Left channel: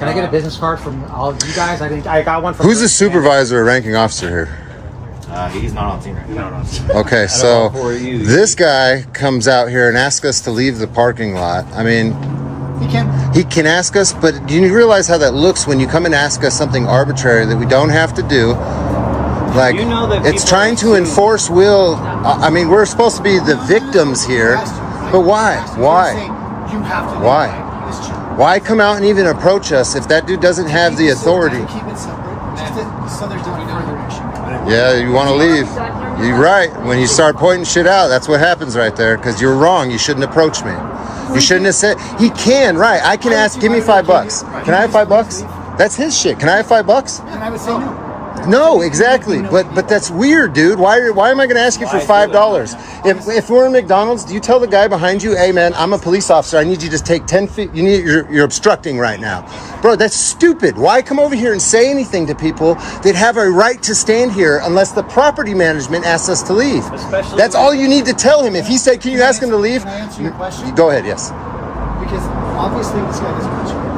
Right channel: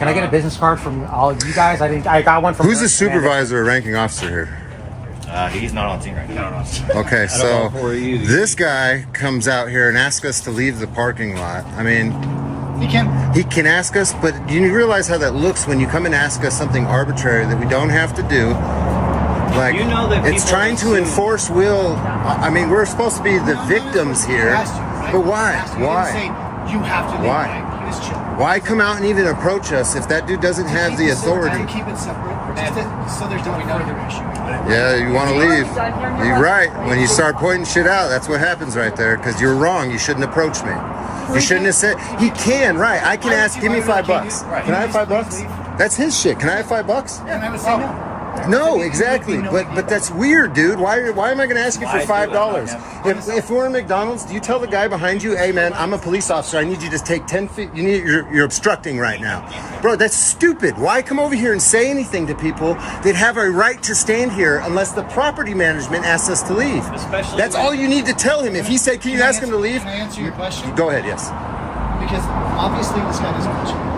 Can I get a business card from all of you guys? I got one from... Who's the supervisor or ranking officer here? He's not on scene right now. Okay, so this guy comes out here and asks us to leave the parking lot. I mean, he can ask us, but do you realize how that looks when you come and ask us something arbitrary that we don't have to do? Like, you know that it's trying to enforce will. I mean, we're supposed to be the victims here, but why? Why? Why? Why come out and even approach us if that dude doesn't have the authority? Keep it separate, so there's no further issue. Yeah, you want to leave. You're right. When you start pointing shit out, that's what happens right there. Because you're wrong. You shouldn't approach me. You shouldn't have said. He can, right? I can ask. Give me $5. Can I have $5? That's his shit. Can I have $5? And I would say no. No, exactly. But that's weird, dude. Why am I going to ask you for $5? If we're in McDonald's, do you tell the guy behind you, hey man, I'm a police officer. I need you to just take 10 feet. You're obstructing right now. Bro, that's stupid. Why come over here and say anything to people that have a right to stand here unless the property management asks us to leave? That's all you need to tell him. If he said, can you ask him to leave? Can I answer your question? Go ahead, yes. Because obviously this guy doesn't want you.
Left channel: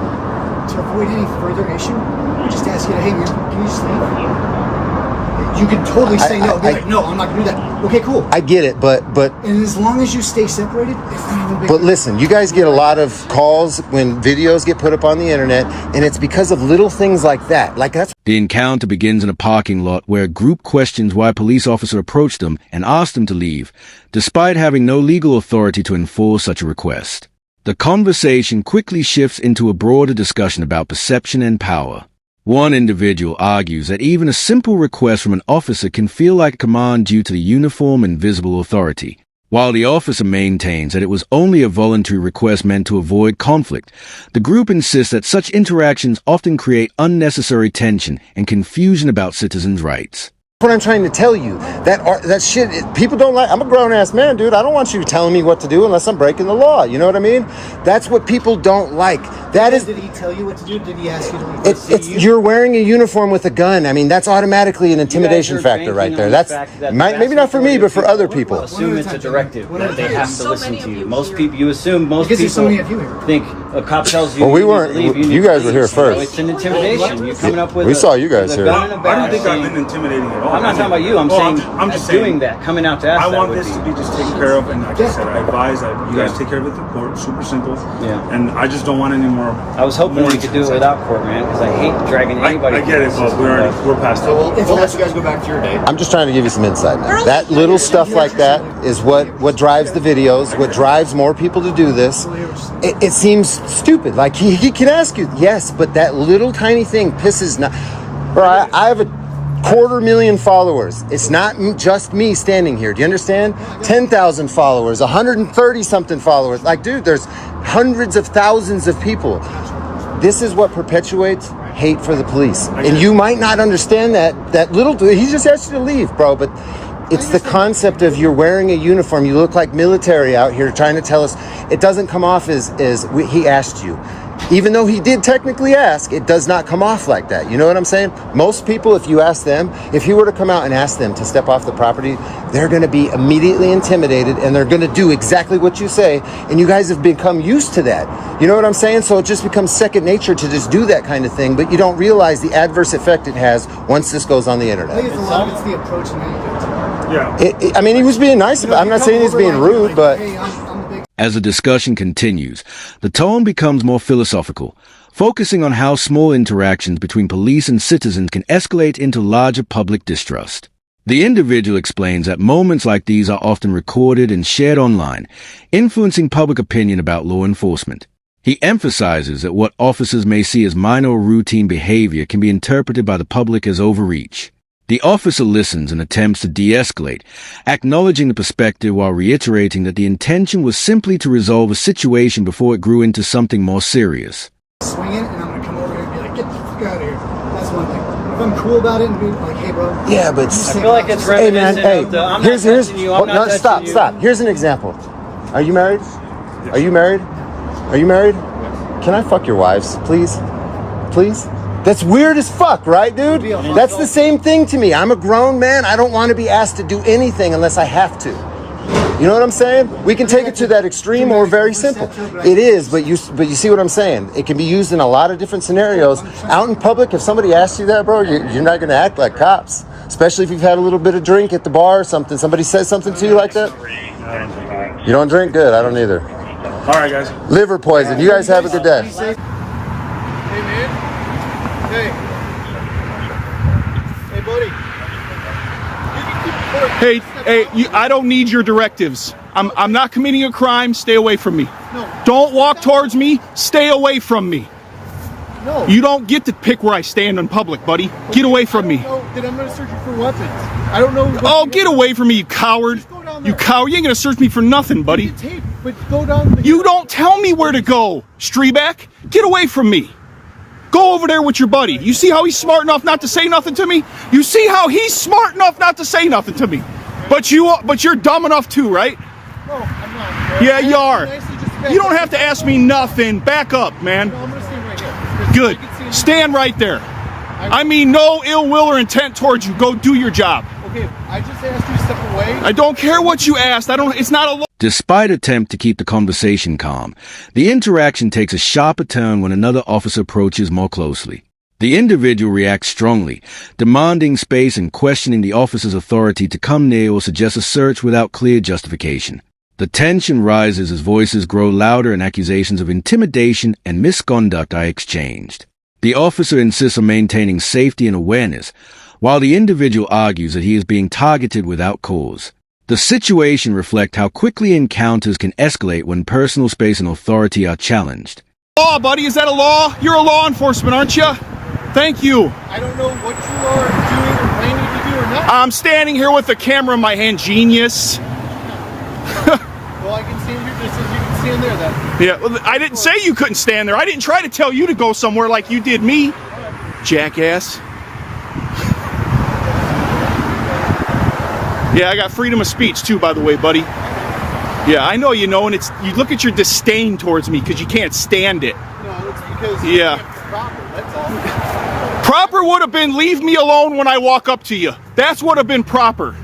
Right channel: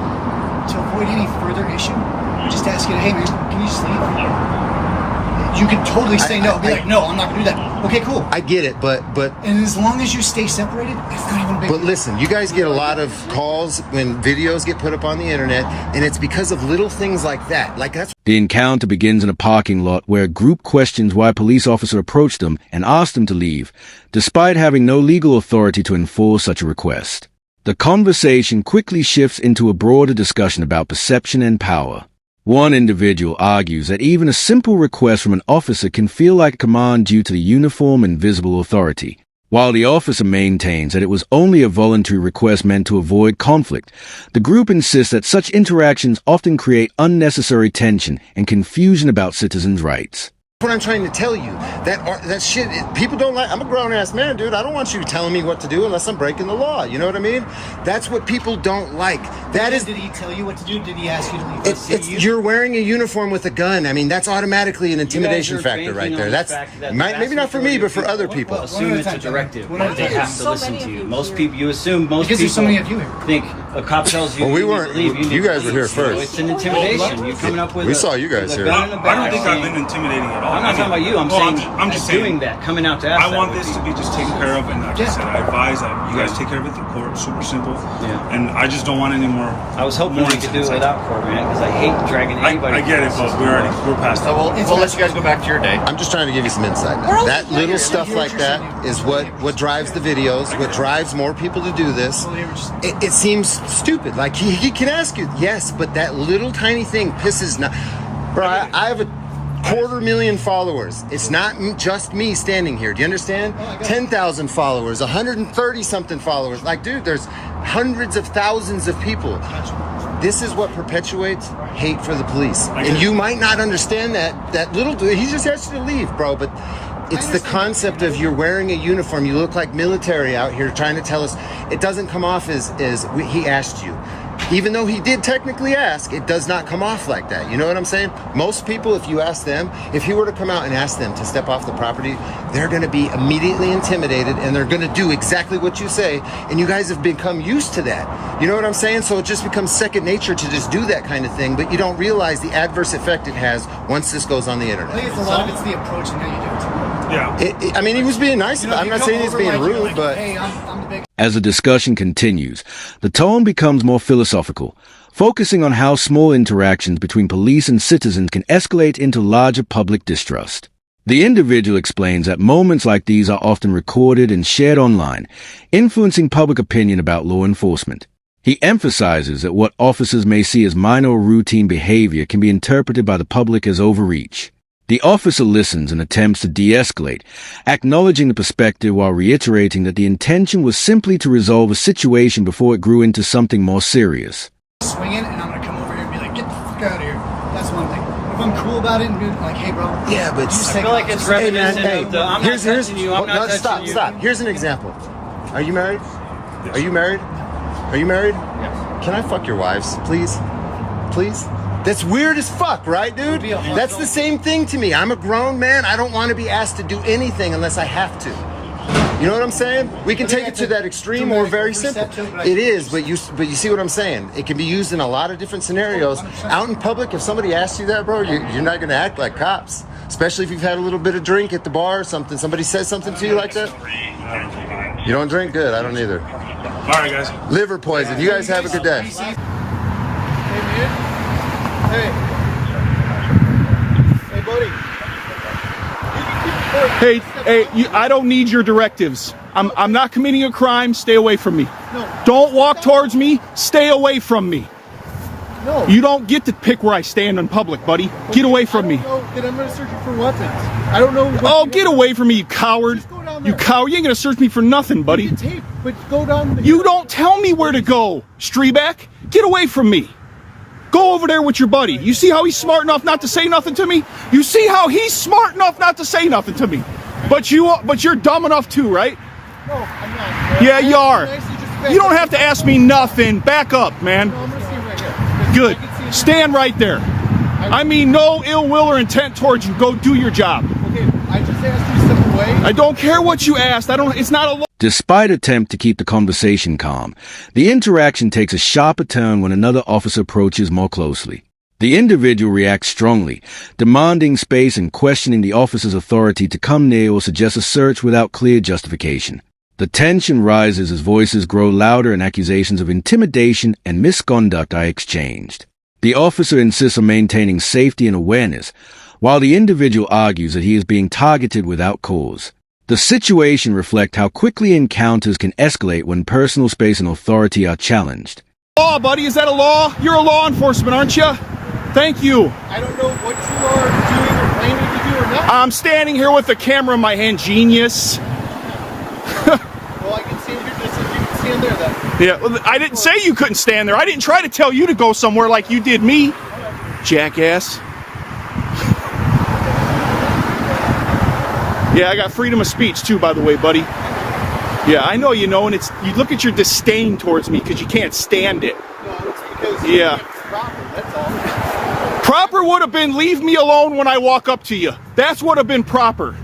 To avoid any further issue, we just ask you, hey man, can you just leave? You could totally say no. Be like, no, I'm not gonna do that. Okay, cool. I get it, but and as long as you stay separated, it's not even big. But listen, you guys get a lot of calls when videos get put up on the internet, and it's because of little things like that. Like that's. The encounter begins in a parking lot where a group questions why a police officer approached them and asked them to leave, despite having no legal authority to enforce such a request. The conversation quickly shifts into a broader discussion about perception and power. One individual argues that even a simple request from an officer can feel like a command due to the uniform and visible authority, while the officer maintains that it was only a voluntary request meant to avoid conflict. The group insists that such interactions often create unnecessary tension and confusion about citizens' rights. What I'm trying to tell you, that shit, people don't like. I'm a grown-ass man, dude. I don't want you telling me what to do unless I'm breaking the law. You know what I mean? That's what people don't like. Did he tell you what to do? Did he ask you to leave? You're wearing a uniform with a gun. I mean, that's automatically an intimidation factor right there. That's maybe not for me, but for other people. Assume it's a directive. They have to listen to you. Most people, you assume most because people so many of you here. think a cop tells you. Well, we weren't. You guys were here first. It's an intimidation. You coming up with. We saw you guys here. I don't think I've been intimidating at all. I'm not talking about you. I'm just saying doing that, coming out to ask. I want this to be just taken care of, and like I said, I advise that you guys take care of it through court. Super simple. Yeah. And I just don't want any more. I was hoping we could do it without court, man, because I hate dragging anybody. I get it, but we're past that. So we'll let you guys go back to your day. I'm just trying to give you some insight, man. That little stuff like that is what drives the videos, what drives more people to do this. It seems stupid. Like he can ask you, yes, but that little tiny thing pisses not. Bro, I have a 250,000 followers. It's not just me standing here. Do you understand? 10,000 followers, 130 something followers. Like, dude, there's hundreds of thousands of people. This is what perpetuates hate for the police. And you might not understand that little dude. He just asked you to leave, bro. But it's the concept of you're wearing a uniform. You look like military out here trying to tell us. It doesn't come off as he asked you. Even though he did technically ask, it does not come off like that. You know what I'm saying? Most people, if you ask them, if he were to come out and ask them to step off the property, they're going to be immediately intimidated and they're going to do exactly what you say. And you guys have become used to that. You know what I'm saying? So it just becomes second nature to just do that kind of thing. But you don't realize the adverse effect it has once this goes on the internet. I think it's a lot of it's the approach and how you do it. Yeah. I mean, he was being nice about it. I'm not saying he's being rude, but... Hey, I'm the big... As the discussion continues, the tone becomes more philosophical, focusing on how small interactions between police and citizens can escalate into larger public distrust. The individual explains that moments like these are often recorded and shared online, influencing public opinion about law enforcement. He emphasizes that what officers may see as minor or routine behavior can be interpreted by the public as overreach. The officer listens and attempts to de-escalate, acknowledging the perspective while reiterating that the intention was simply to resolve a situation before it grew into something more serious. Swinging, and I'm going to come over here and be like, get the fuck out of here. That's one thing. If I'm cool about it and be like, hey, bro. Yeah, but... I feel like it's reminiscent of the, I'm not touching you, I'm not touching you. Stop. Here's an example. Are you married? Are you married? Are you married? Yes. Can I fuck your wives, please? Please? That's weird as fuck, right, dude? That's the same thing to me. I'm a grown man. I don't want to be asked to do anything unless I have to. You know what I'm saying? We can take it to that extreme or very simple. It is, but you see what I'm saying? It can be used in a lot of different scenarios. Out in public, if somebody asks you that, bro, you're not going to act like cops. Especially if you've had a little bit of drink at the bar or something. Somebody says something to you like that? You don't drink? Good. I don't either. All right, guys. Liver poison. You guys have a good day. Hey, man. Hey, buddy. Hey, I don't need your directives. I'm not committing a crime. Stay away from me. No. Don't walk towards me. Stay away from me. No. You don't get to pick where I stand in public, buddy. Get away from me. No, then I'm gonna search you for weapons. I don't know. Oh, get away from me, you coward. Just go down there. You coward. You ain't gonna search me for nothing, buddy. You can tape, but go down. You don't tell me where to go, Streeback. Get away from me. Go over there with your buddy. You see how he's smart enough not to say nothing to me? You see how he's smart enough not to say nothing to me? But you're dumb enough too, right? No, I'm not. Yeah, you are. You don't have to ask me nothing. Back up, man. No, I'm gonna stand right here. Good. Stand right there. I mean no ill will or intent towards you. Go do your job. Okay, I just asked you to step away. I don't care what you asked. It's not a law. Despite attempt to keep the conversation calm, the interaction takes a sharper turn when another officer approaches more closely. The individual reacts strongly, demanding space and questioning the officer's authority to come near or suggest a search without clear justification. The tension rises as voices grow louder and accusations of intimidation and misconduct are exchanged. The officer insists on maintaining safety and awareness, while the individual argues that he is being targeted without cause. The situation reflects how quickly encounters can escalate when personal space and authority are challenged. Law, buddy, is that a law? You're a law enforcement, aren't you? Thank you. I don't know what you are doing or planning to do or not. I'm standing here with the camera in my hand, genius. Well, I can stand here just as you can stand there then. Yeah, well, I didn't say you couldn't stand there. I didn't try to tell you to go somewhere like you did me, jackass. Yeah, I got freedom of speech too, by the way, buddy. Yeah, I know you know, and you look at your disdain towards me because you can't stand it. No, it's because Yeah. it's proper, that's all. Proper would have been leave me alone when I walk up to you. That's would have been proper.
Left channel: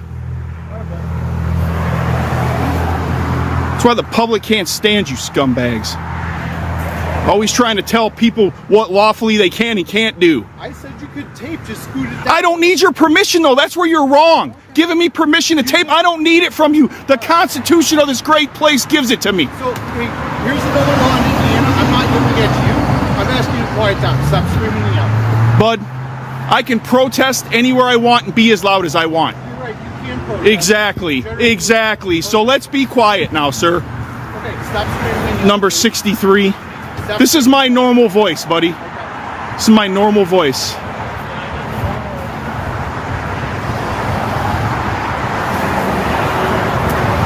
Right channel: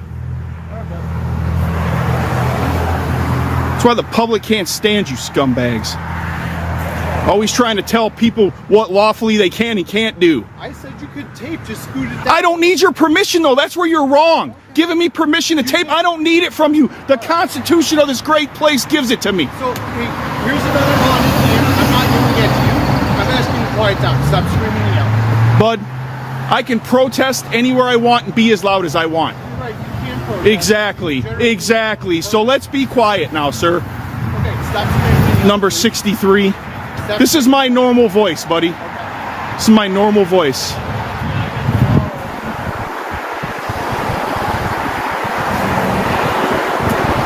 That's why the public can't stand you scumbags. Always trying to tell people what lawfully they can and can't do. I said you could tape, just scoot it down. I don't need your permission, though. That's where you're wrong. Giving me permission to tape, I don't need it from you. The Constitution of this great place gives it to me. So, hey, here's another law in Indiana. I'm not yelling at you. I'm asking you to quiet down. Stop screaming and yelling. Bud, I can protest anywhere I want and be as loud as I want. You're right, you can protest. Exactly. So let's be quiet now, sir. Okay, stop screaming and yelling. Number 63. This is my normal voice, buddy. Okay. This is my normal voice.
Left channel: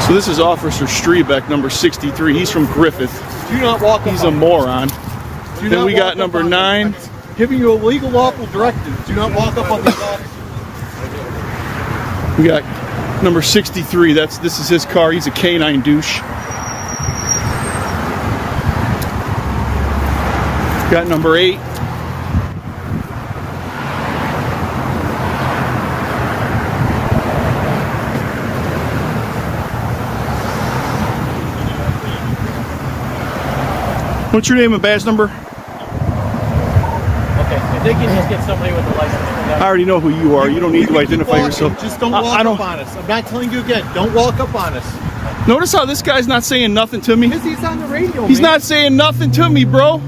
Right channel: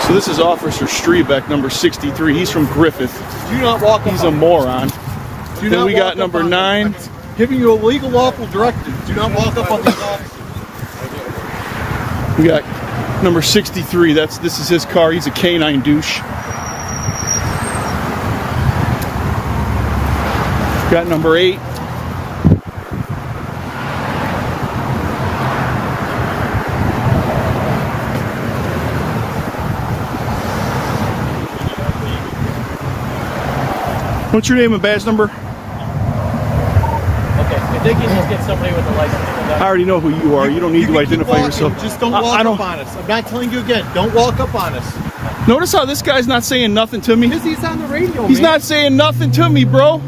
So this is Officer Strebeck, number 63. He's from Griffith. Do not walk up He's a on moron. Do Then not we walk got up number on 9. Giving you a legal lawful directive. Do not walk up on these. We got number 63. This is his car. He's a canine douche. Got number 8. What's your name and badge number? Okay, if they can just get somebody with a license. I already know who you are. You don't need to identify yourself. Just don't walk I don't. up on us. I'm not telling you again. Don't walk up on us. Notice how this guy's not saying nothing to me. Because he's on the radio. He's man. not saying nothing to me, bro.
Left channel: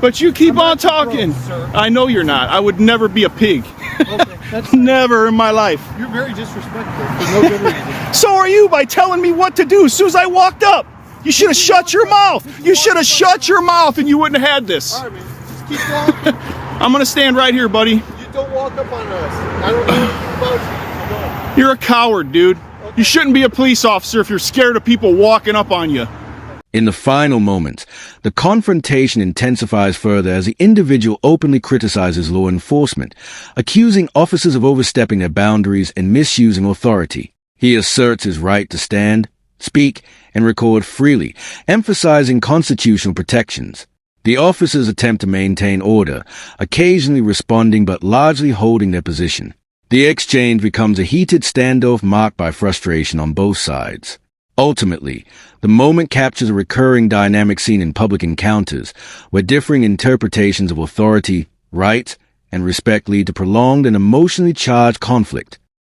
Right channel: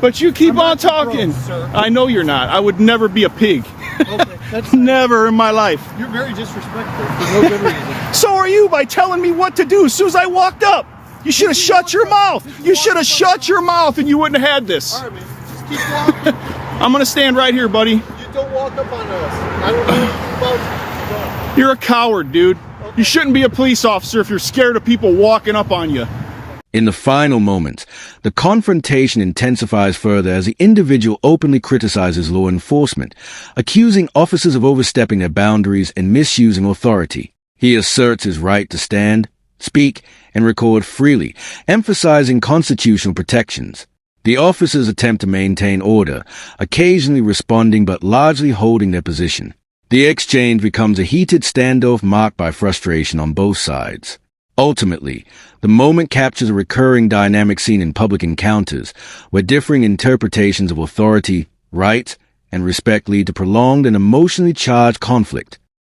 But you keep on talking. I know you're not. I would never be a pig. Okay, that's Never in my life. You're very disrespectful for no good reason. So are you by telling me what to do as soon as I walked up. You should have shut your mouth. You should have shut your mouth and you wouldn't have had this. All right, man. Just keep walking. I'm going to stand right here, buddy. You don't walk up on us. I don't know anything about you. So don't. You're a coward, dude. You shouldn't be a police officer if you're scared of people walking up on you. In the final moments, the confrontation intensifies further as the individual openly criticizes law enforcement, accusing officers of overstepping their boundaries and misusing authority. He asserts his right to stand, speak, and record freely, emphasizing constitutional protections. The officers attempt to maintain order, occasionally responding but largely holding their position. The exchange becomes a heated standoff marked by frustration on both sides. Ultimately, the moment captures a recurring dynamic seen in public encounters, where differing interpretations of authority, right, and respect lead to prolonged and emotionally charged conflict.